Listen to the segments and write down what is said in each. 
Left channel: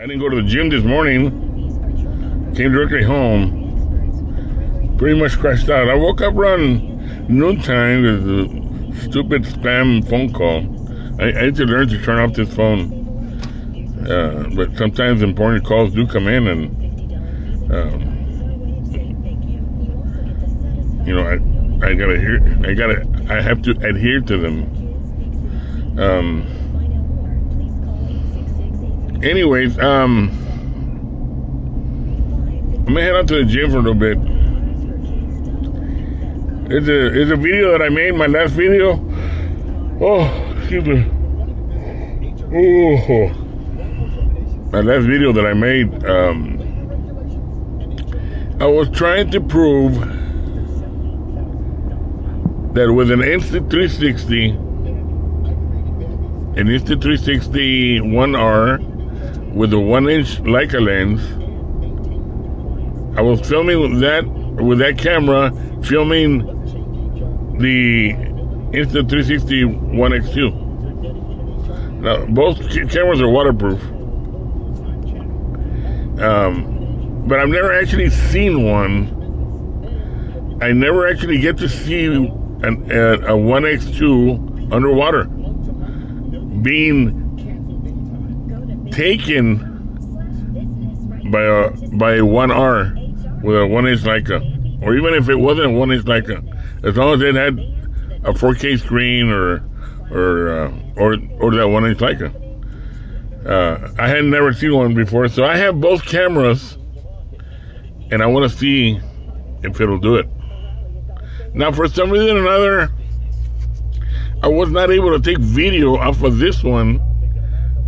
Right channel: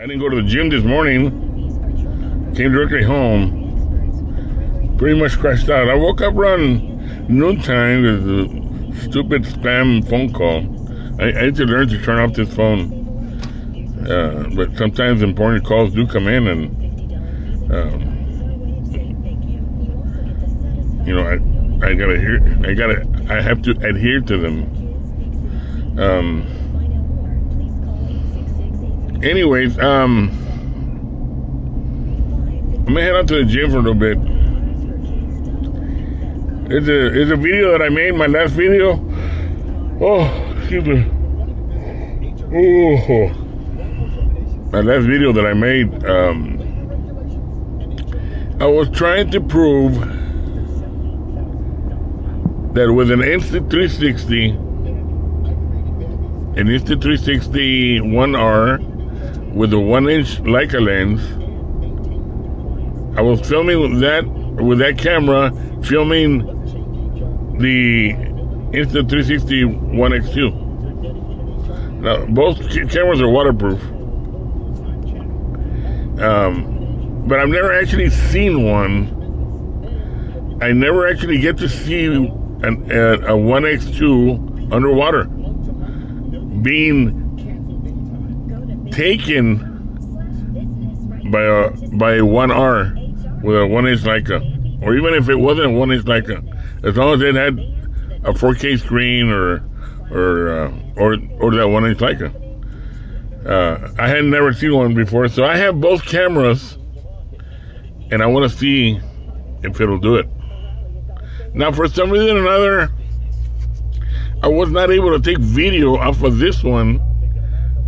I didn't go to the gym this morning. Came directly home. Pretty much crashed out. I woke up around noontime with a stupid spam phone call. I need to learn to turn off this phone. But sometimes important calls do come in, and you know, I have to adhere to them. Anyways, I'm gonna head out to the gym for a little bit. It's a video that I made, my last video. Oh, excuse me. Oh, my last video that I made. I was trying to prove that with an Insta360, an Insta360 One R with a 1-inch Leica lens, I was filming with that camera, filming the Insta360 One X2. Now, both cameras are waterproof, but I've never actually seen one. I never actually get to see a 1X2 underwater being taken by a 1R with a 1-inch Leica, or even if it wasn't a 1-inch Leica, as long as it had a 4K screen or that 1-inch Leica. I had never seen one before, so I have both cameras, and I want to see if it'll do it. Now, for some reason or another, I was not able to take video off of this one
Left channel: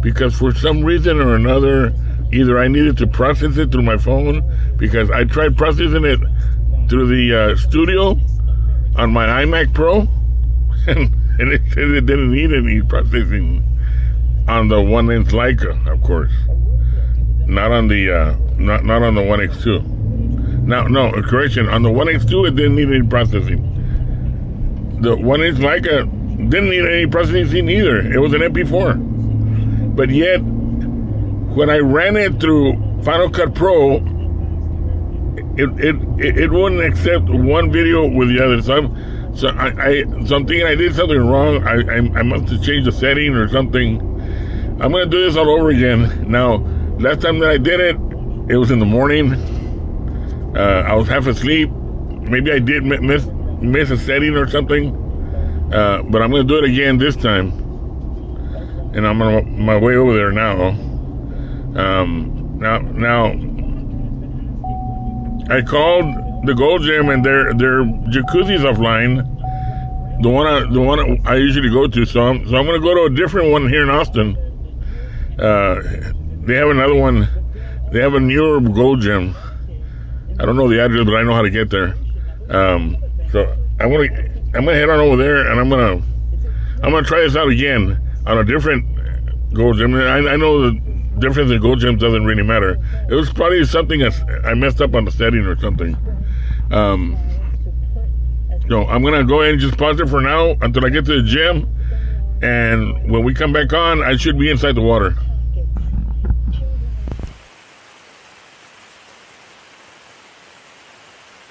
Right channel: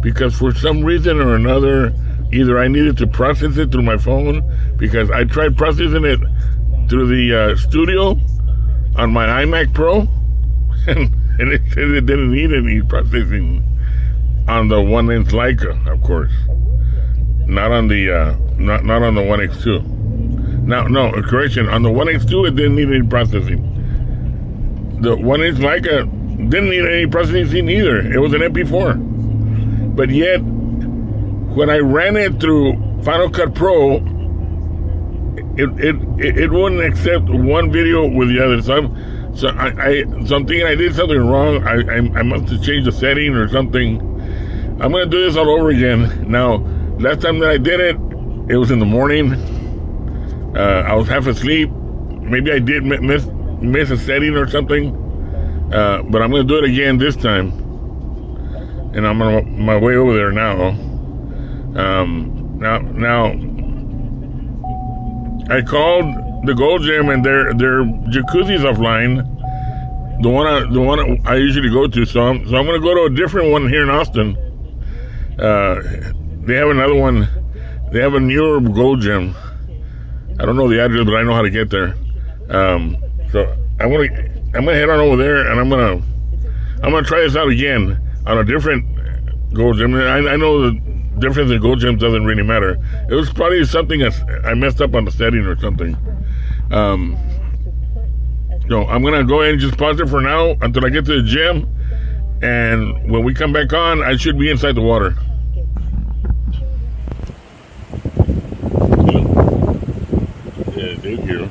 because for some reason or another, either I needed to process it through my phone, because I tried processing it through the studio on my iMac Pro, and it said it didn't need any processing on the 1-inch Leica, of course, not on the not on the 1X2. Now, no, correction, on the 1X2 it didn't need any processing. The 1-inch Leica didn't need any processing either. It was an MP4. But yet, when I ran it through Final Cut Pro, it wouldn't accept one video with the other. So I'm thinking I did something wrong. I must have changed the setting or something. I'm gonna do this all over again. Now, last time that I did it, it was in the morning. I was half asleep. Maybe I did miss a setting or something. But I'm gonna do it again this time. And I'm on my way over there now. Now, I called the Gold Gym, and their jacuzzi's offline. The one I usually go to. So I'm gonna go to a different one here in Austin. They have another one. They have a newer Gold Gym. I don't know the address, but I know how to get there. So I'm gonna head on over there, and I'm gonna try this out again on a different Gold Gym. I know the difference in Gold Gyms doesn't really matter. It was probably something I messed up on the setting or something. So I'm gonna go ahead and just pause it for now until I get to the gym, and when we come back on, I should be inside the water. Yeah, thank you.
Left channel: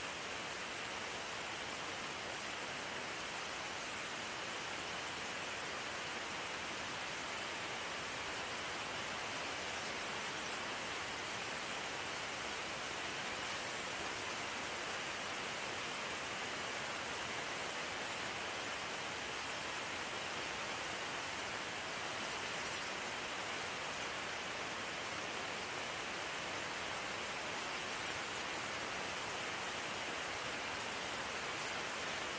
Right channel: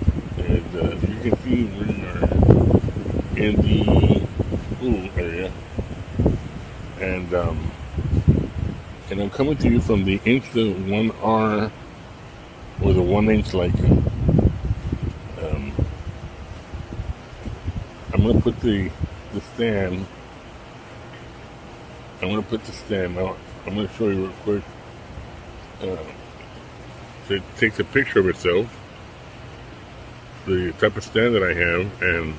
And, you can see we are in the pool area, and I'm coming to you from the Insta One R with a 1-inch Leica. I'm gonna put the stand. I'm gonna put the stand out. I'm gonna show you real quick. So it takes a picture of itself, the type of stand that I have, and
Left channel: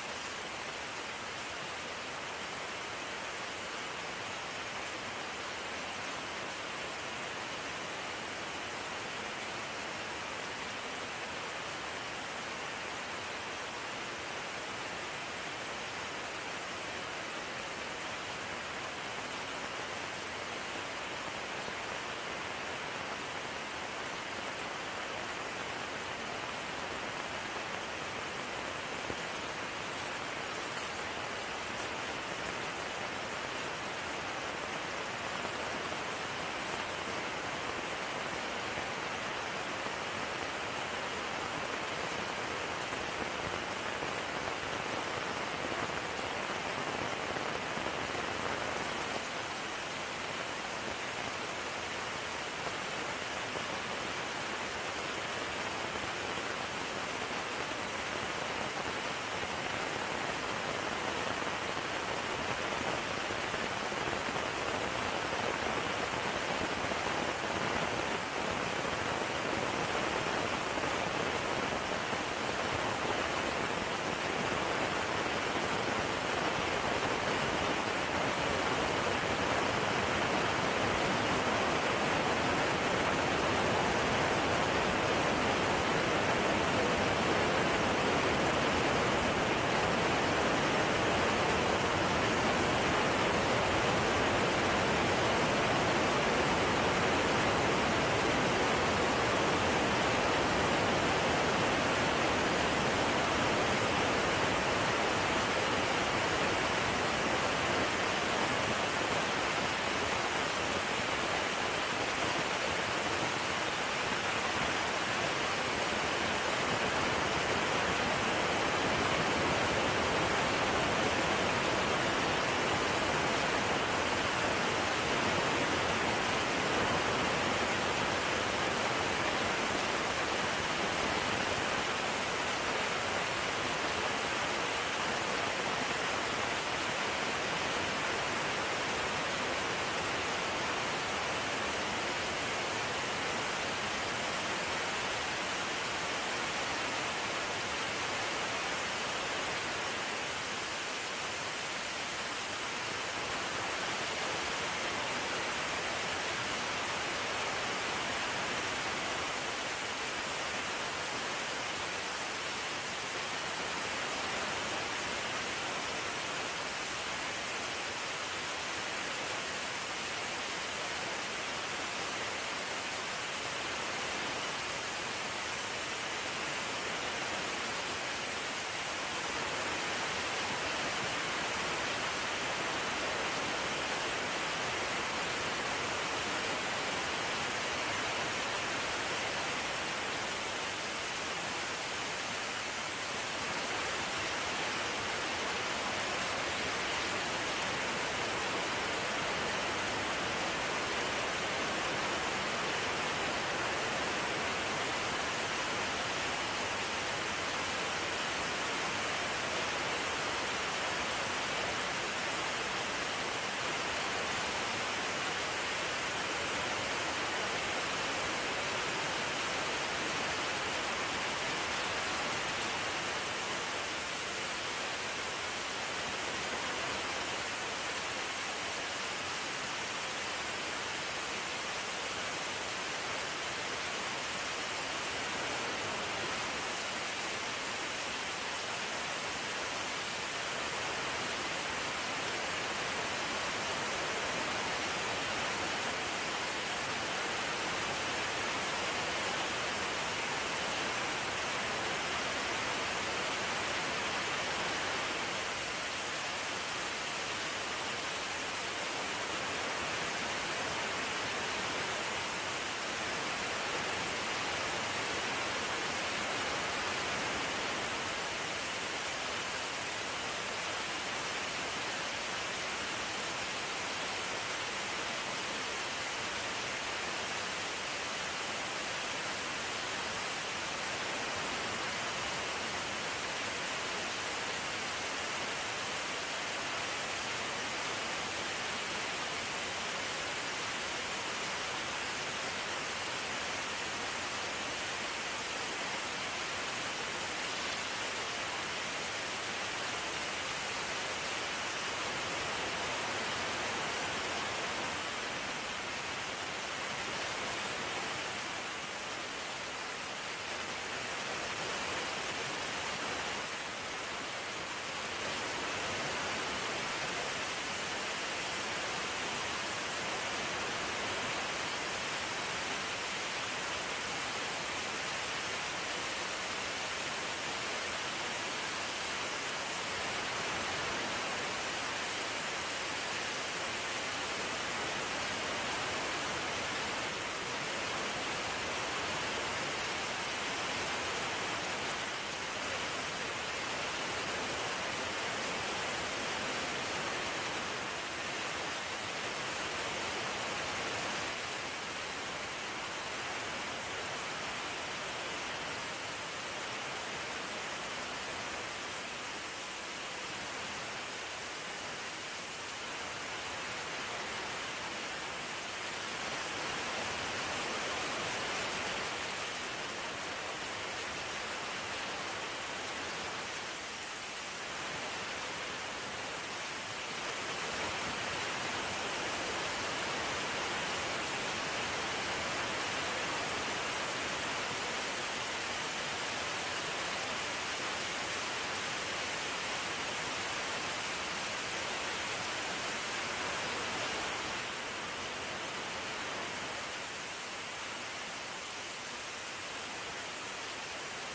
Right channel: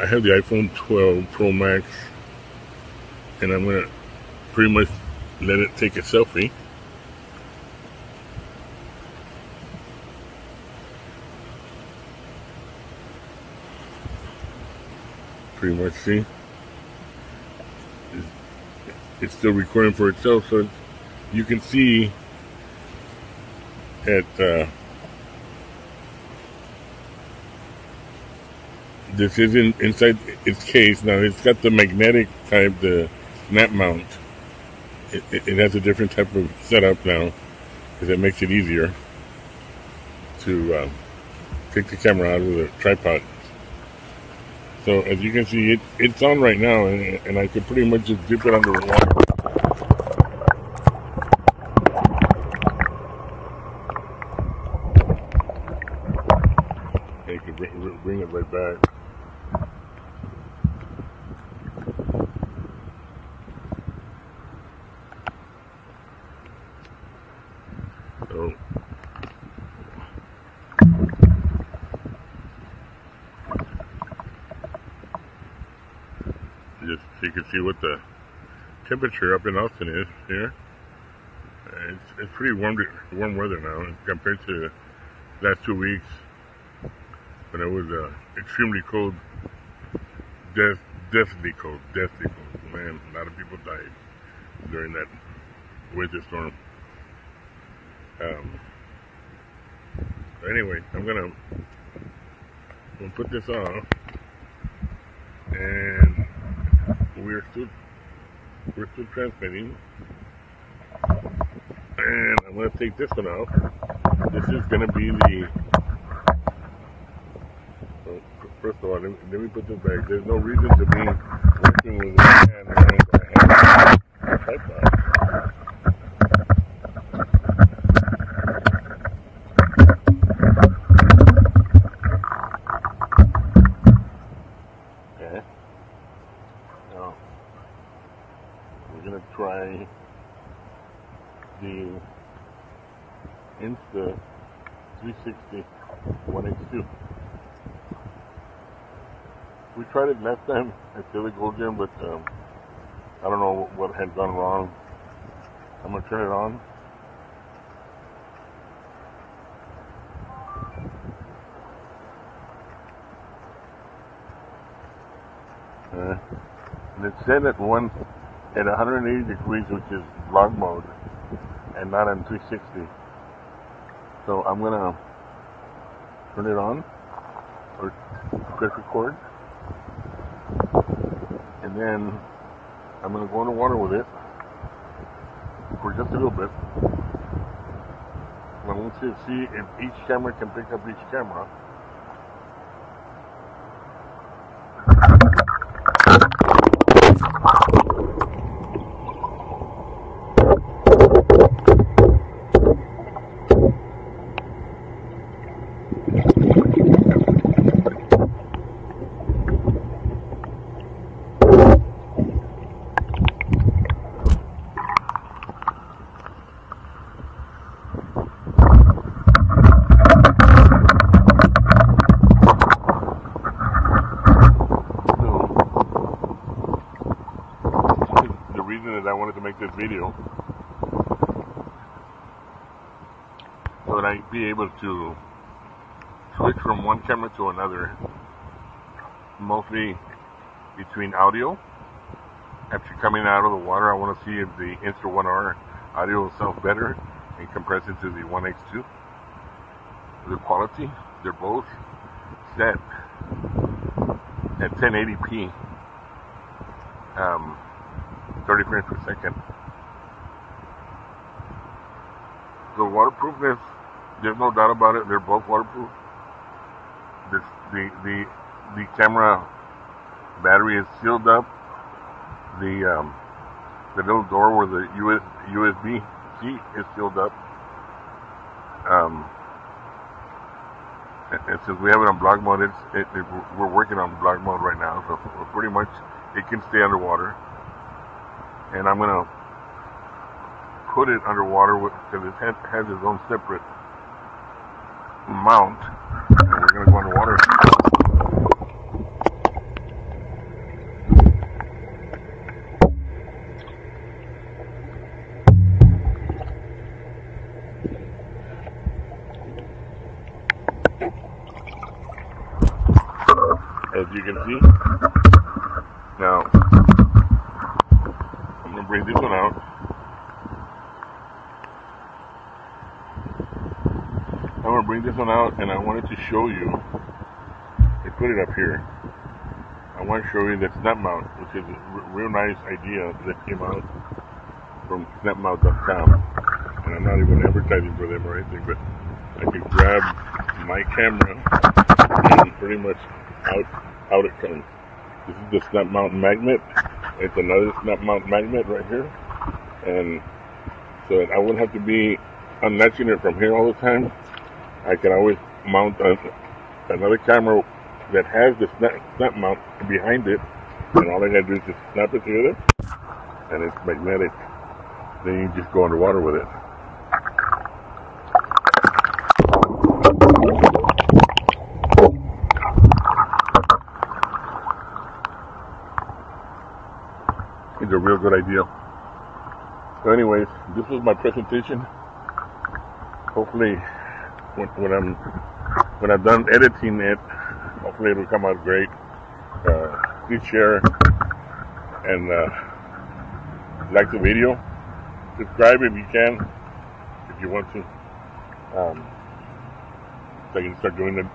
I have the iPhone 12 Pro Max, and I'm gonna pretty much let it take a selfie. Pretty much, see, it's still recording for itself, so you can see at this isn't inside its case. Now it's got the magnetic type, the snap mount. it has a different type of setup now, because it makes it easier to take the camera out with a tripod. So as you can see, it's on right now, and I could pretty much just dip it under the water. You can bring it right back. You can see what the temperature up in Austin is here. And it's pretty warm weather now compared to the last 2 weeks when it was extremely cold, deathly cold, deathly cold. And I don't think it's during that winter storm. Anyway, I'm gonna put this on, and we're still transmitting. And I'm gonna take this one out. This is gonna be the first water. Let me put this back. There's no reason to leave. Try the Insta360 One R. We tried it last time at Philly Golden, but I don't know what had gone wrong. I'm gonna turn it on. And it's set at 180 degrees, which is vlog mode, and not on 360. So I'm gonna turn it on, or press record, and then I'm gonna go in the water with it for just a little bit. I want to see if each camera can pick up each camera. I wanted to make this video so that I'd be able to switch from one camera to another, mostly between audio. After coming out of the water, I want to see if the Insta360 One R audio sounds better in comparison to the 182. The quality, they're both set at 1080p. 30 frames per second. The waterproofness, there's no doubt about it. They're both waterproof. The camera battery is sealed up. The little door where the USB key is sealed up. And since we have it on vlog mode, we're working on vlog mode right now, so pretty much it can stay underwater. And I'm gonna put it underwater because it has its own separate mount. And we're gonna go underwater. As you can see, now I'm gonna bring this one out. And I wanted to show you. I put it up here. I want to show you the snap mount, which is a real nice idea that came out. from snapmount.com. And I'm not even advertising for them or anything, but I can grab my camera and pretty much out it comes. This is the snap mount magnet. It's another snap mount magnet right here. And so that I wouldn't have to be unlatching it from here all the time. I can always mount another camera that has the snap mount behind it, and all I gotta do is just snap it together, and it's magnetic. Then you can just go underwater with it. It's a real good idea. So anyways, this was my presentation. Hopefully when I'm done editing it, hopefully it'll come out great. Please share and like the video. Subscribe if you can, if you want to. So I can start doing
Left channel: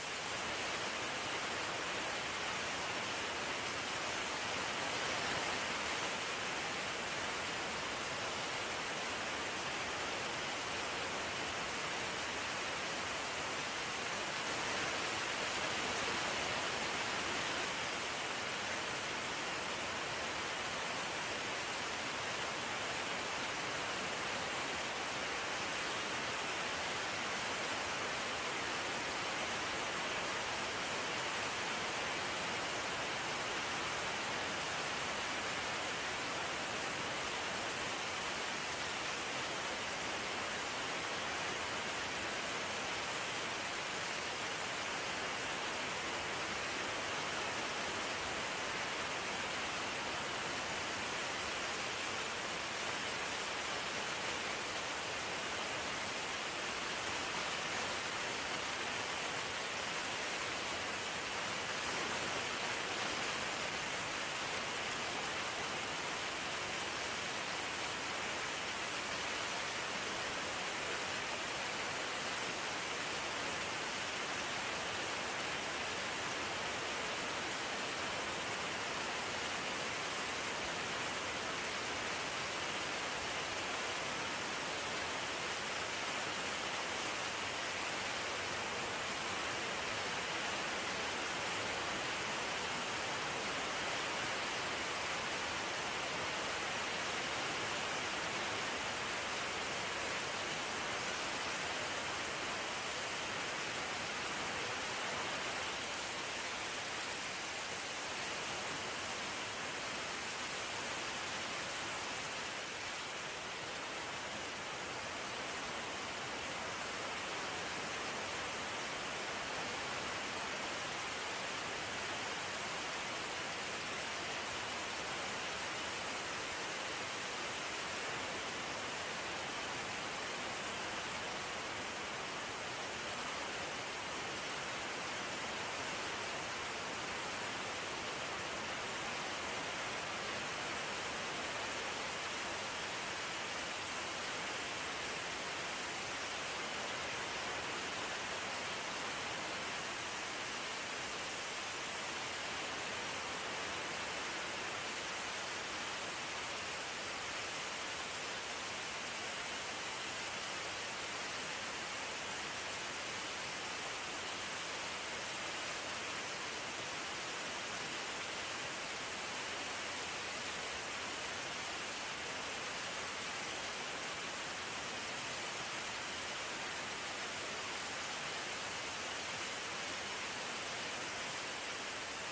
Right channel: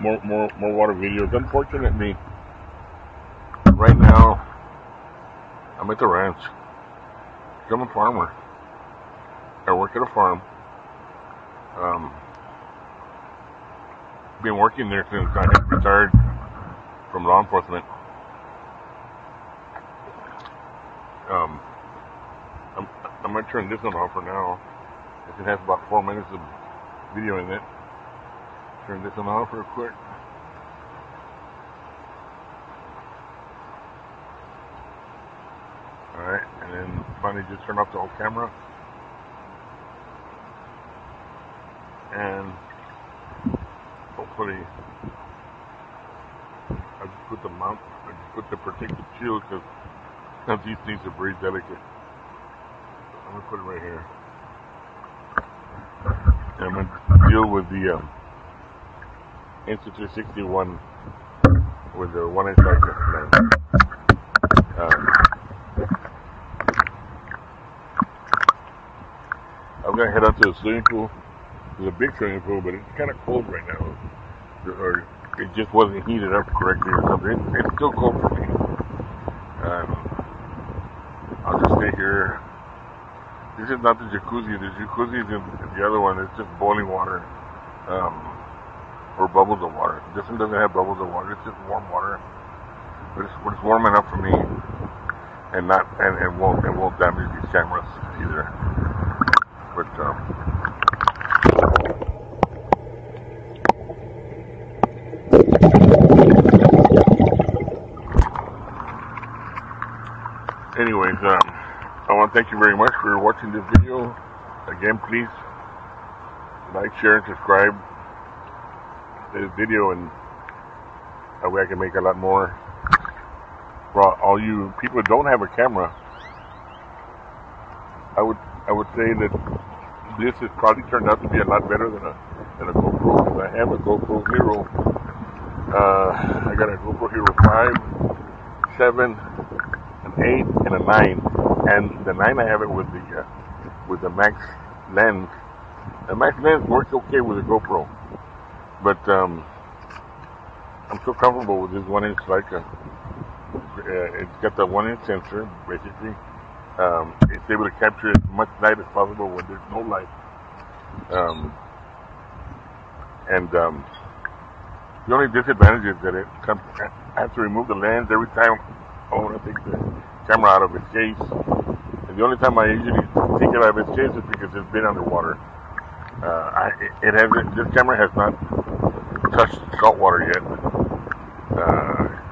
more water videos. Unfortunately, right now I'm at the ranch. I'm a farmer. I work at a farm. Been working there since I retired from law enforcement. I'm gonna turn this one off for now. It has about 4 minutes of video in it. Turn this one off real quick. Alright, and then finally just turn off the whole camera. And hopefully I just put the mount, I just put the protective shield because some of these things are very delicate. I'm gonna put it right here. And I'm gonna deal with the Insta360 One with the 1-inch lens. I'm gonna head out to the swimming pool. There's a big swimming pool, but it's kind of cold right now. Or it just wasn't heated up correctly or something. It's still cold for me. I'll just stay here. This is not the jacuzzi. The jacuzzi is the other one. It's just boiling water. Or bubbles of water. This one doesn't have bubbles of water. It's just warm water. But it's warm enough for me, and it won't damage these cameras either. But anyways, I want to thank you very much for watching this video. Again, please like, share, and subscribe to this video, and that way I can make a lot more. For all you people who don't have a camera, I would say that this has probably turned out to be a lot better than a GoPro. I have a GoPro Hero. I got a GoPro Hero 5, 7, an 8, and a 9. And the 9 I have it with the Max lens. The Max lens works okay with the GoPro, but I'm so comfortable with this 1-inch Leica. It's got the 1-inch sensor, basically. It's able to capture as much light as possible when there's no light. The only disadvantage is that I have to remove the lens every time I want to take the camera out of its case. And the only time I usually take it out of its case is because it's been underwater. This camera has not touched salt water yet.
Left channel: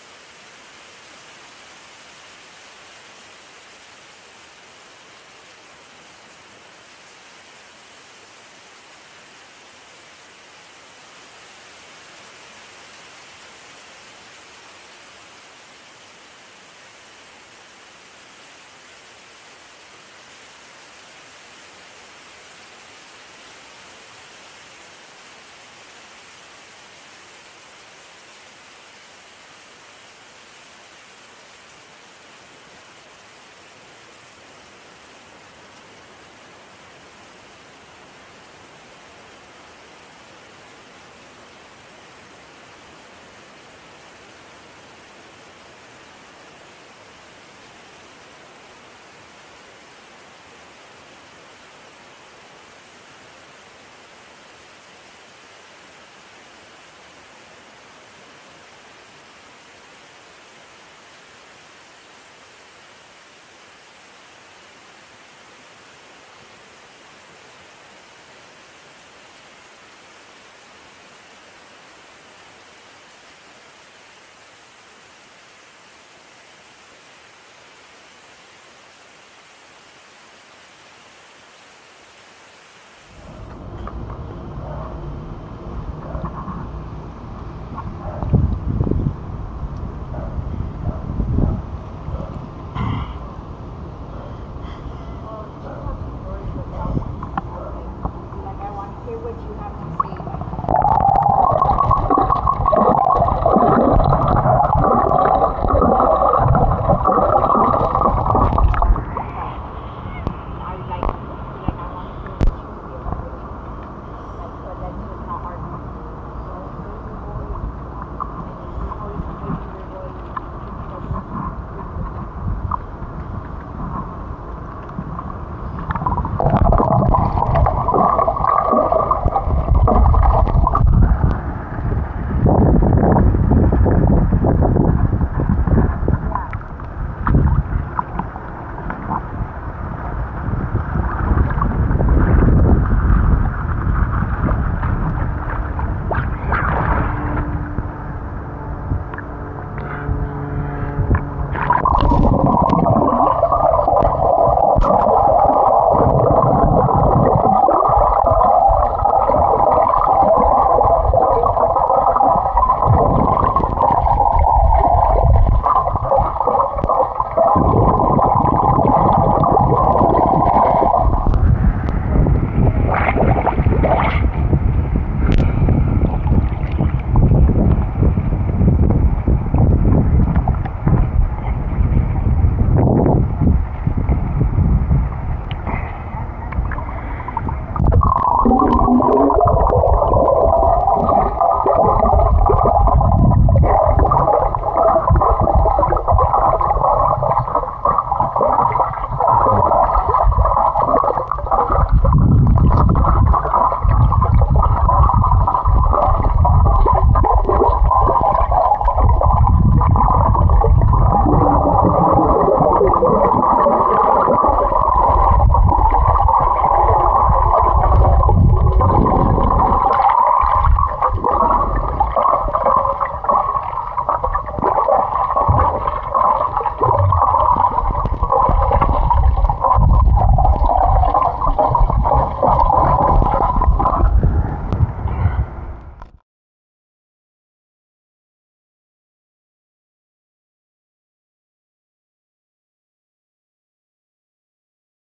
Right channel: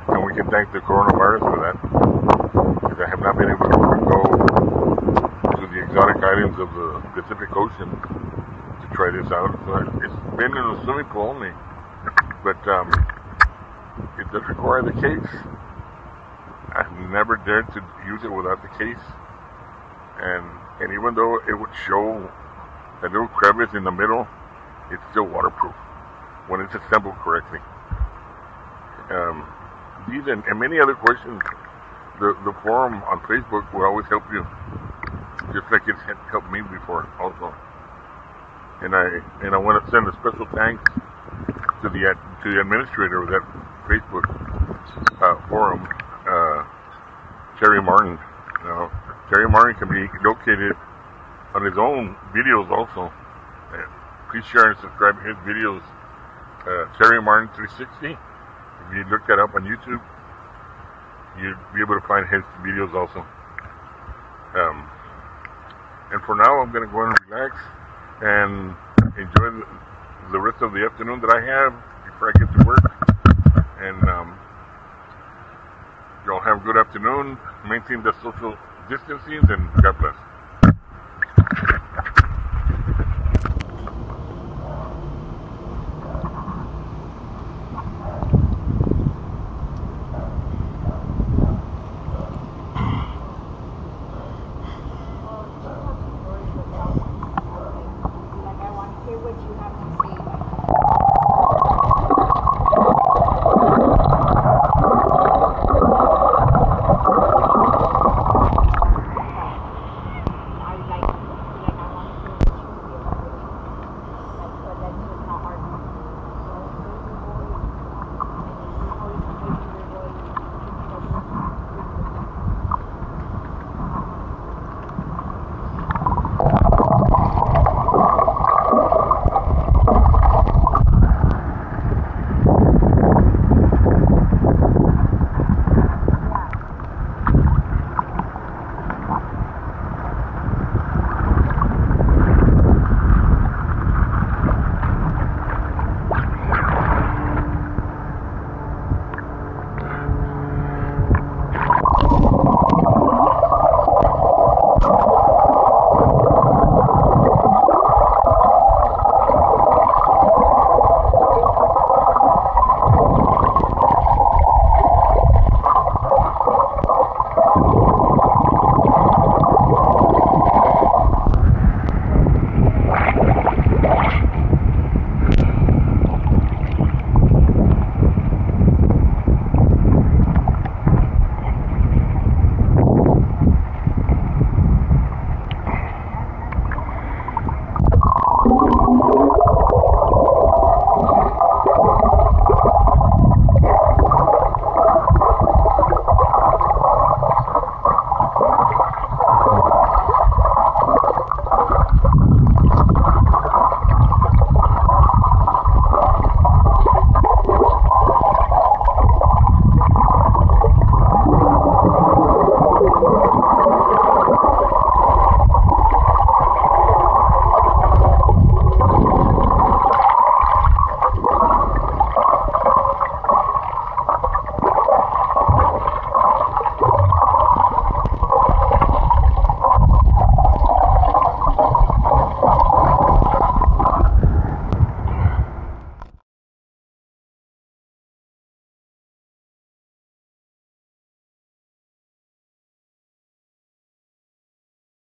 And we can thank the coronavirus for that, because I have not been able to go to the exotic islands of the Pacific Ocean to try this out. So it's been in the swimming pool only, but it does require the case. I've never dared to use it without the case, and even though it would show a little crevice in the middle, it's still waterproof when it's assembled correctly. These and many other questions, the forum on Facebook will always help you, just like it's helped me before also. And I want to send a special thanks to the administrator of that Facebook forum, Terry Martin. Terry Martin can be located on his own videos also. And please share and subscribe to his videos. Terry Martin 360. If you look that up on YouTube, you'll be able to find his videos also. And for now, I'm going to go and relax and enjoy the rest of the afternoon that I have before I get to work. And y'all have a good afternoon. Maintain the social distancing, and God bless.